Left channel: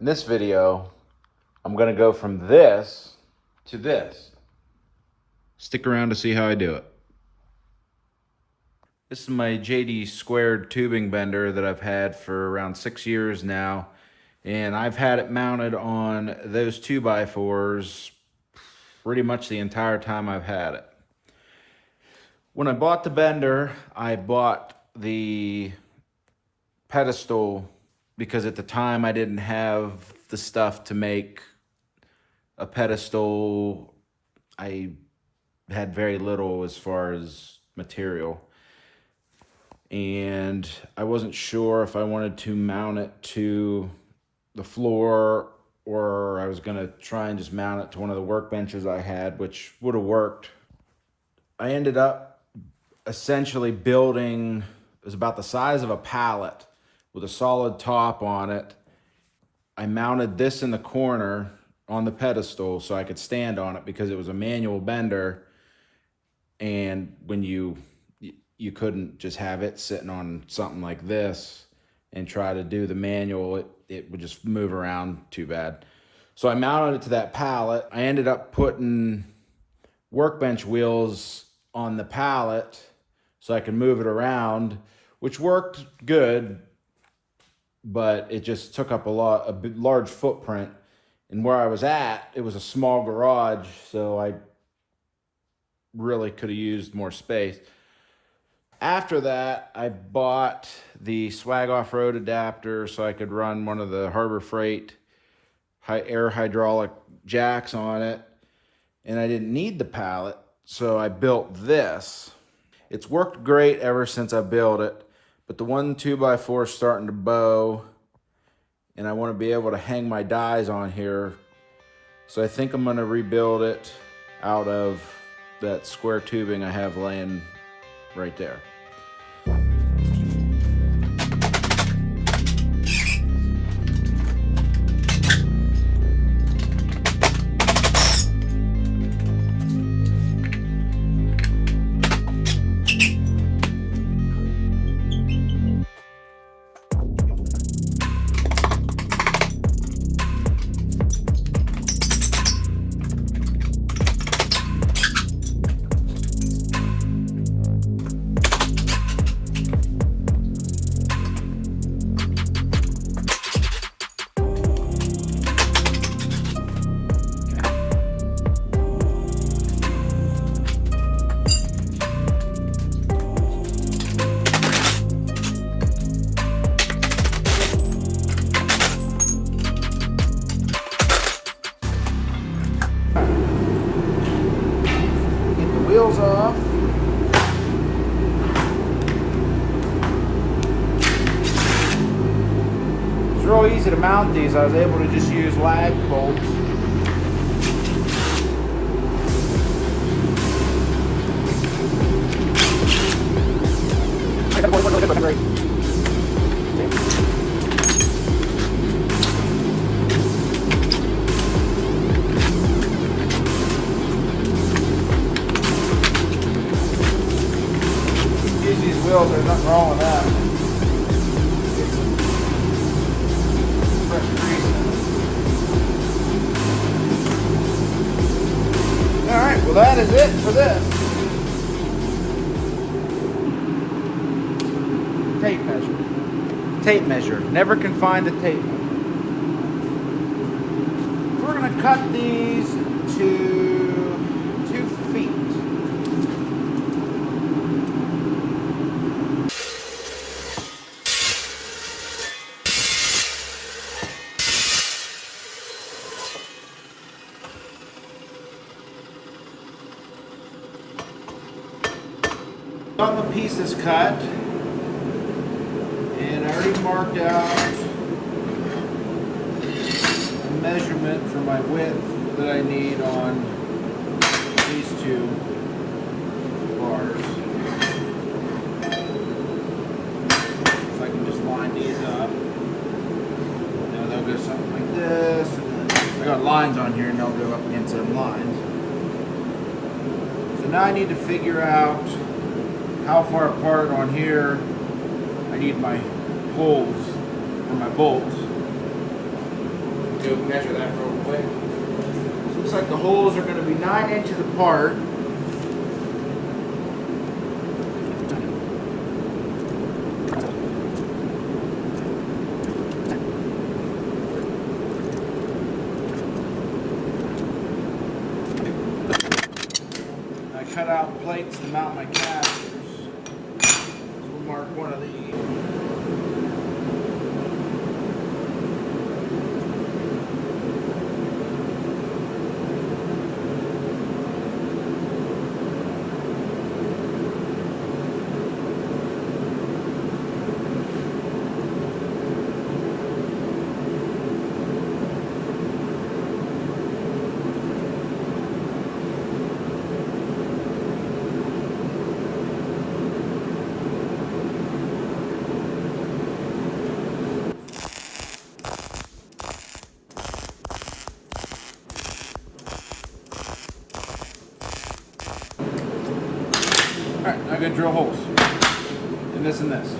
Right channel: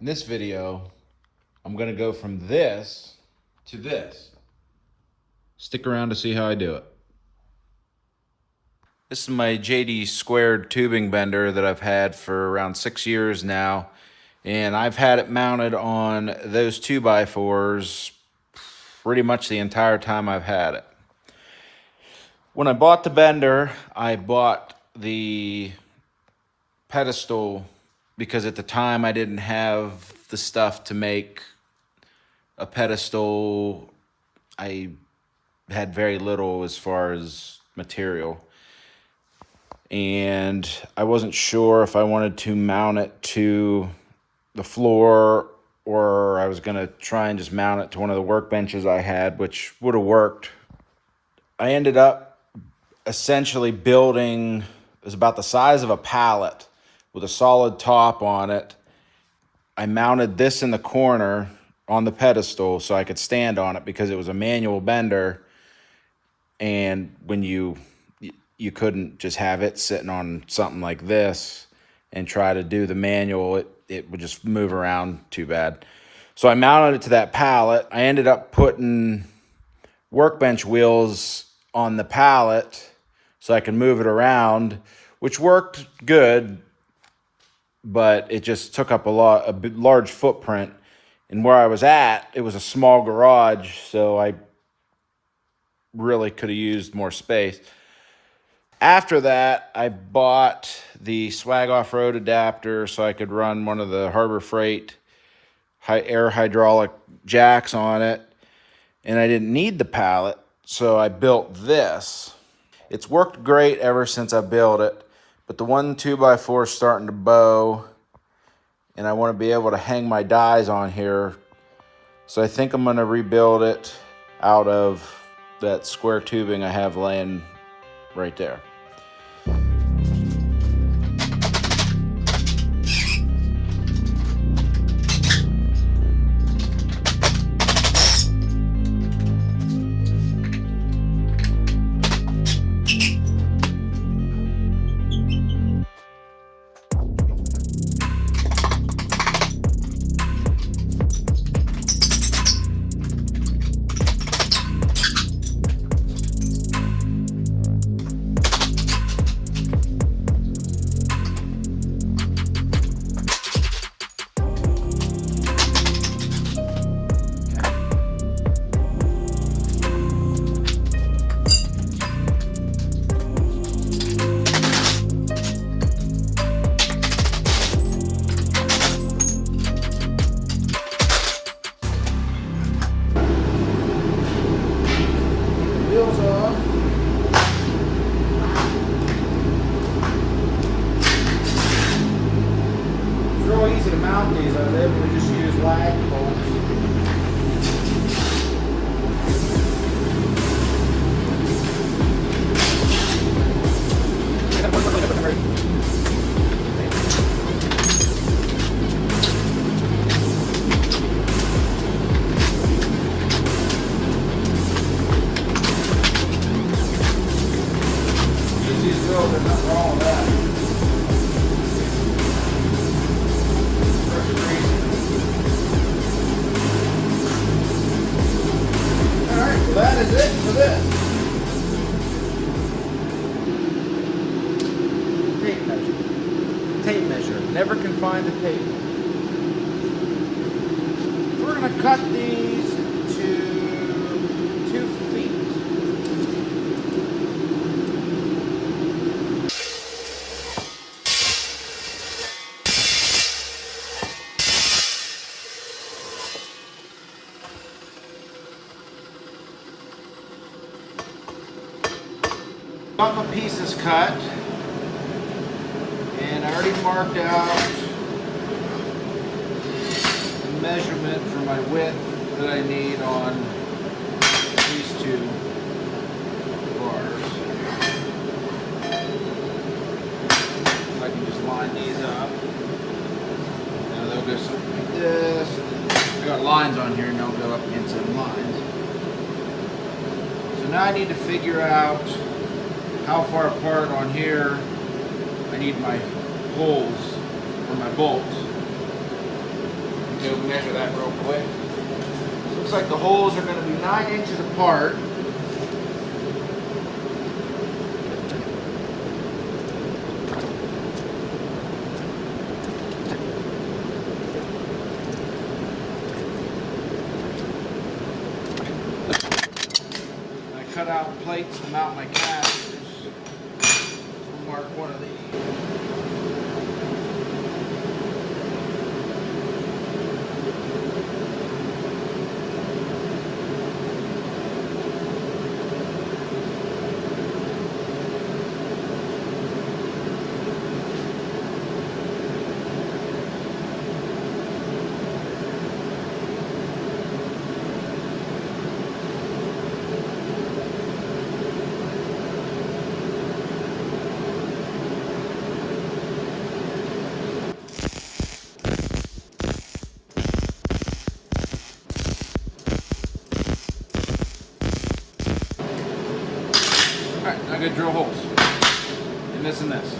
In this video, I'm gonna go from this to this. Stick around to see how I do it. This is my JD squared tubing bender that I've had for around 6 years now. And I've had it mounted on those 2x4s pretty much the entire time I've had it. When I bought the bender, I bought the pedestal because at the time I didn't have the stuff to make a pedestal. I had very little as far as material. And I wasn't sure if I wanted to mount it to the floor or I was gonna try and just mount it to one of the workbenches I had, which would have worked. I ended up essentially building, it was about the size of a pallet with a solid top on it. I mounted this in the corner on the pedestal so I could stand on it because it was a manual bender, and when you couldn't just have it sitting on something like this and try to do the manual, it would just move around too bad. So I mounted it to that pallet. I ended up putting workbench wheels on the pallet so I could move it around, which worked good, but it just took up a large footprint. And where I was at, it was a small garage, so I really could have used more space. After that, I bought the Swag Off-Road adapter so I could run one of the Harbor Freight air hydraulic jacks on it. And I didn't need the pallet, so I built this. It's worked great ever since I built it, but the one 2x4 is starting to bow, and I want to be able to hang my dies on here. So I think I'm going to rebuild it out of that square tubing I have laying right there. Wheels off. It's real easy to mount these. I was able to just use lag bolts. There's nothing wrong with that. Alright, well that is it for this. Tape measure. Tape measure. Never can find the tape. We're going to cut these to 2 feet. Got my pieces cut, and I already marked out the measurement for my width that I need on these 2 bars. So I can just line these up. Now they'll go something like this, and then I got lines on here and they'll go up against some lines. So now I need to figure out how far apart on here I need my holes for my bolts. We'll measure that real quick. So looks like the holes are going to be 9 inches apart. I cut out plates to mount my casters. So we'll mark one of these. All right, now I'm gonna drill holes in this and this.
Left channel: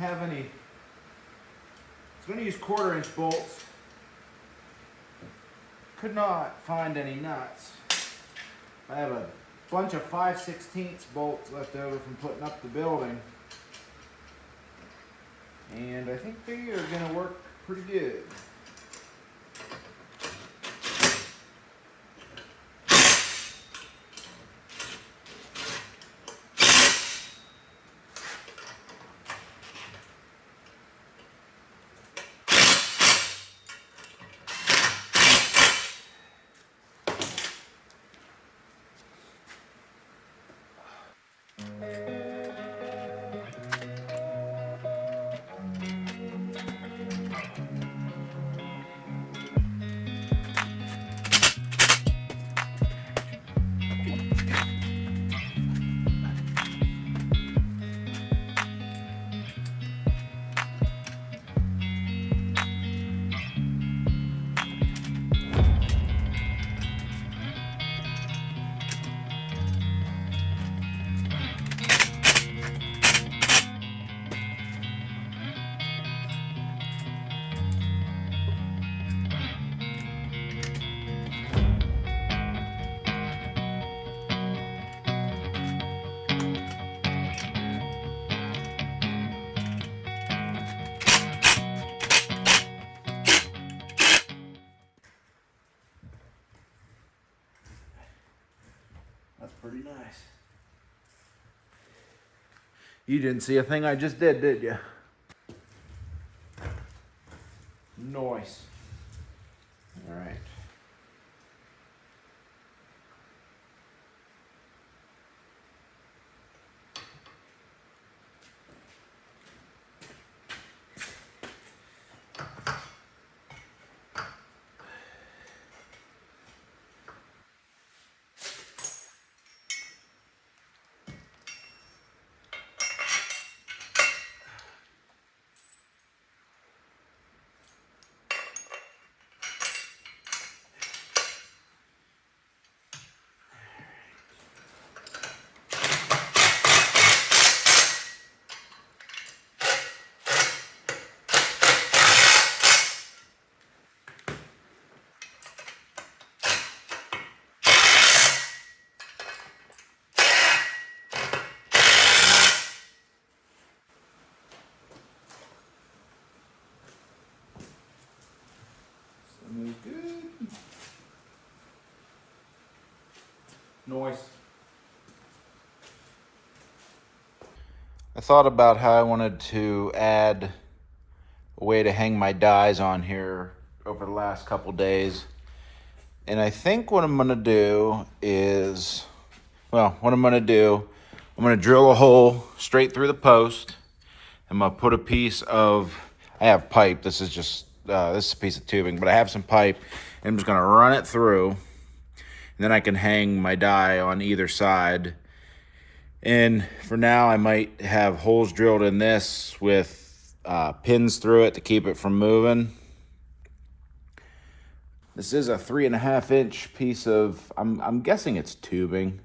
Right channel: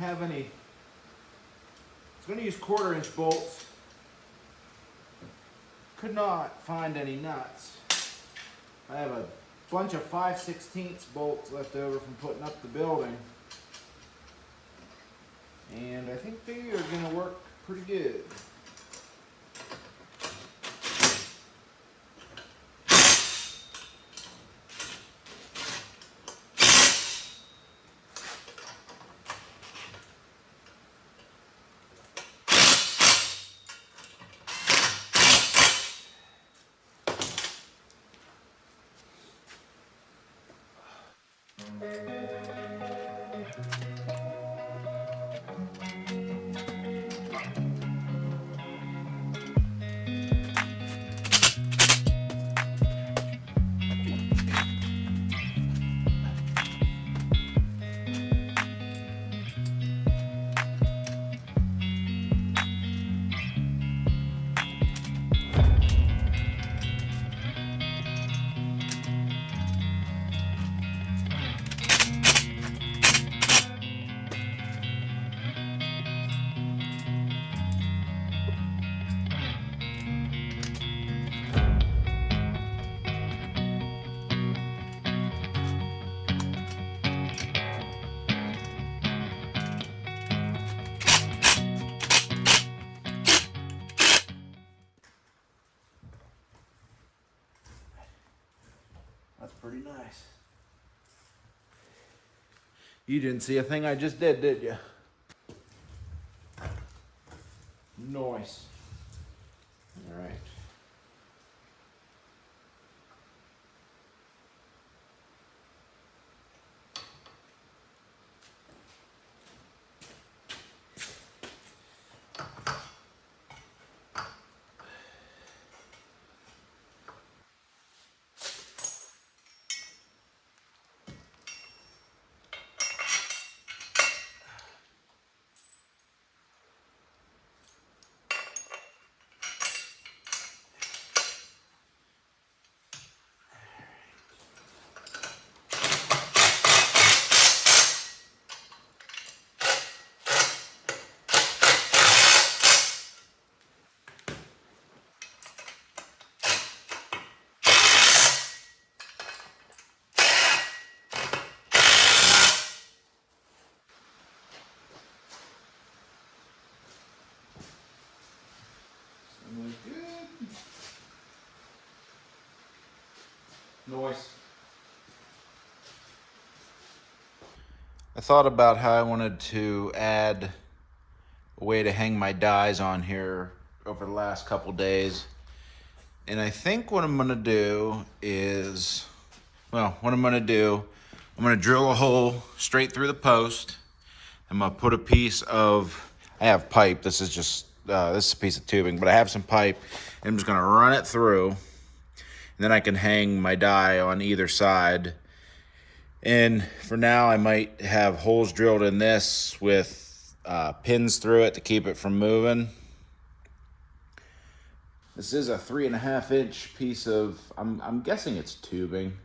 have any. I was going to use 1/4-inch bolts. Could not find any nuts. I have a bunch of 5/16 bolts left over from putting up the building. And I think they are going to work pretty good. That's pretty nice. You didn't see a thing I just did you? Nice. All right. Good. Nice. I thought about how I wanted to add a way to hang my dies on here over the last couple days. And I think what I'm gonna do is, I'm gonna drill a hole straight through the post. I'm gonna put a piece of, I have pipe, this is a piece of tubing, but I have some pipe. And I'm just gonna run it through. And then I can hang my die on either side. And for now, I might have holes drilled in this with pins through it to keep it from moving. This is a 3.5-inch piece of, I'm guessing it's tubing.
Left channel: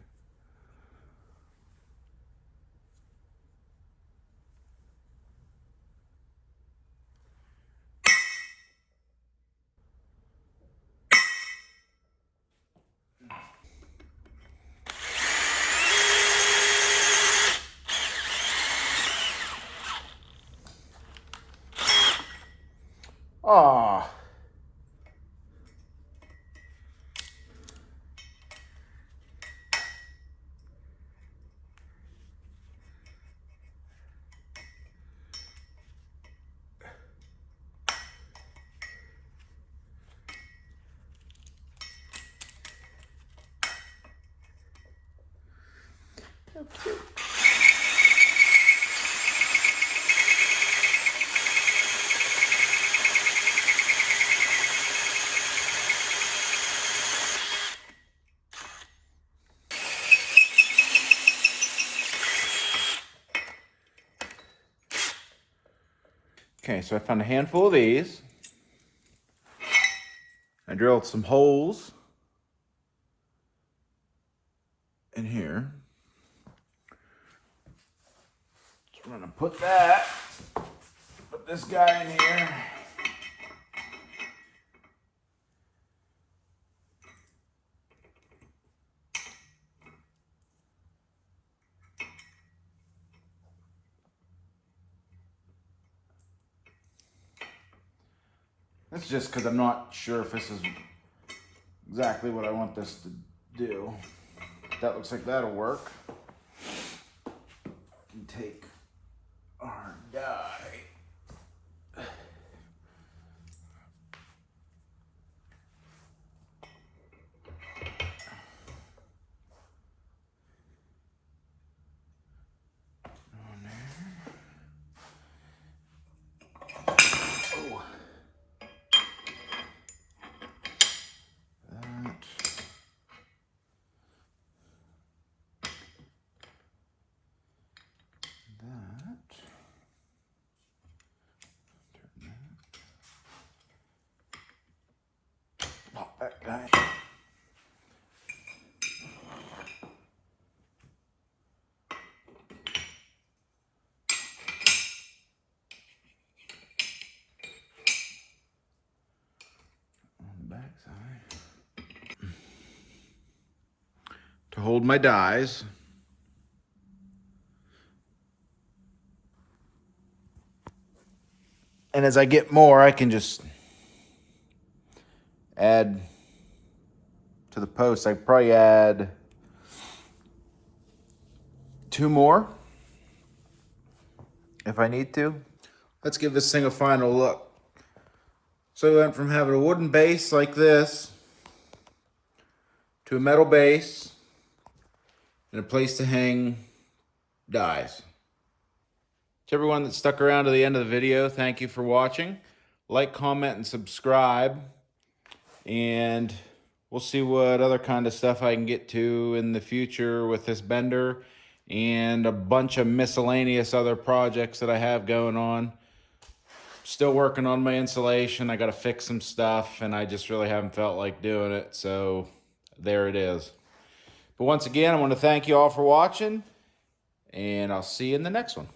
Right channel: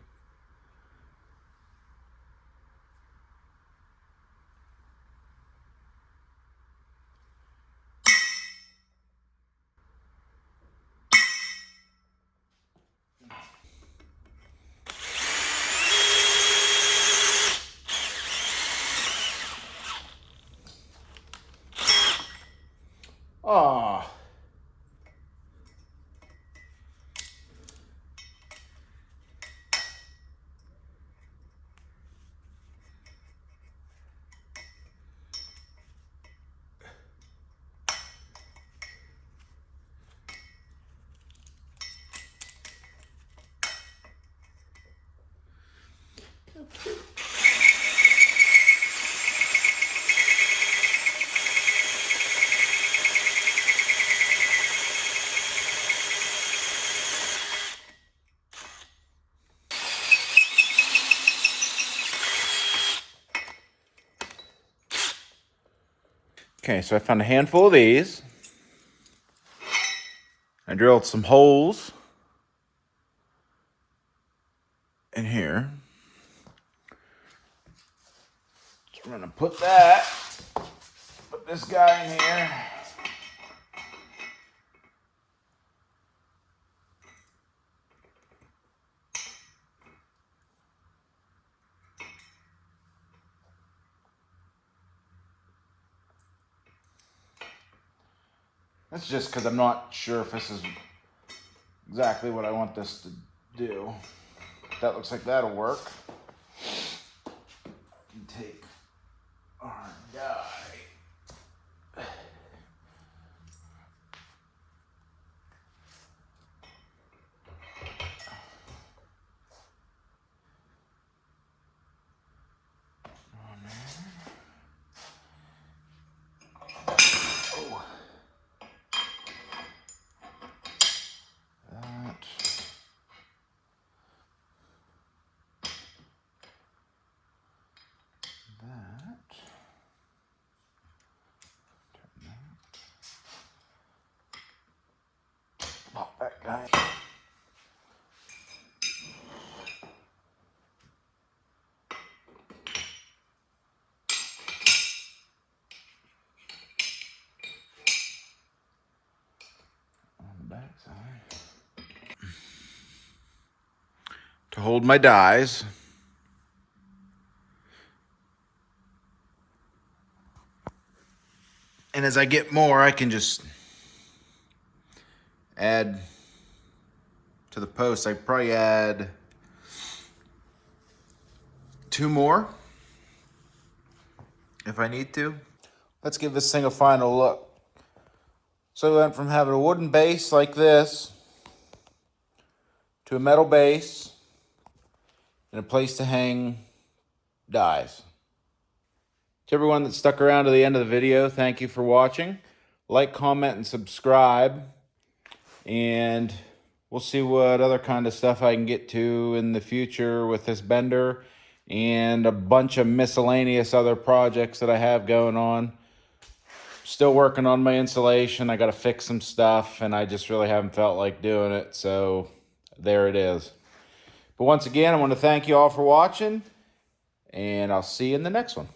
Oh. Okay, so I found a handful of these. I drilled some holes in here. So I'm gonna put that put this guy in here. That's just because I'm not sure if this is exactly what I want this to do. That looks like that'll work. And take our die. Pop that guy. On the back side. To hold my dies. And as I get more, I can just add to the post. I probably add 2 more if I need to. Let's give this thing a final look. So we went from having a wooden base like this to a metal base and a place to hang dies. To everyone that stuck around to the end of the video, thank you for watching. Like, comment, and subscribe. And we'll see what other kind of stuff I can get to in the future with this bender and a bunch of miscellaneous other projects that I have going on. Still working on my insulation. I got to fix some stuff, and I just really haven't felt like doing it. So there it is. But once again, I want to thank you all for watching, and I'll see you in the next one.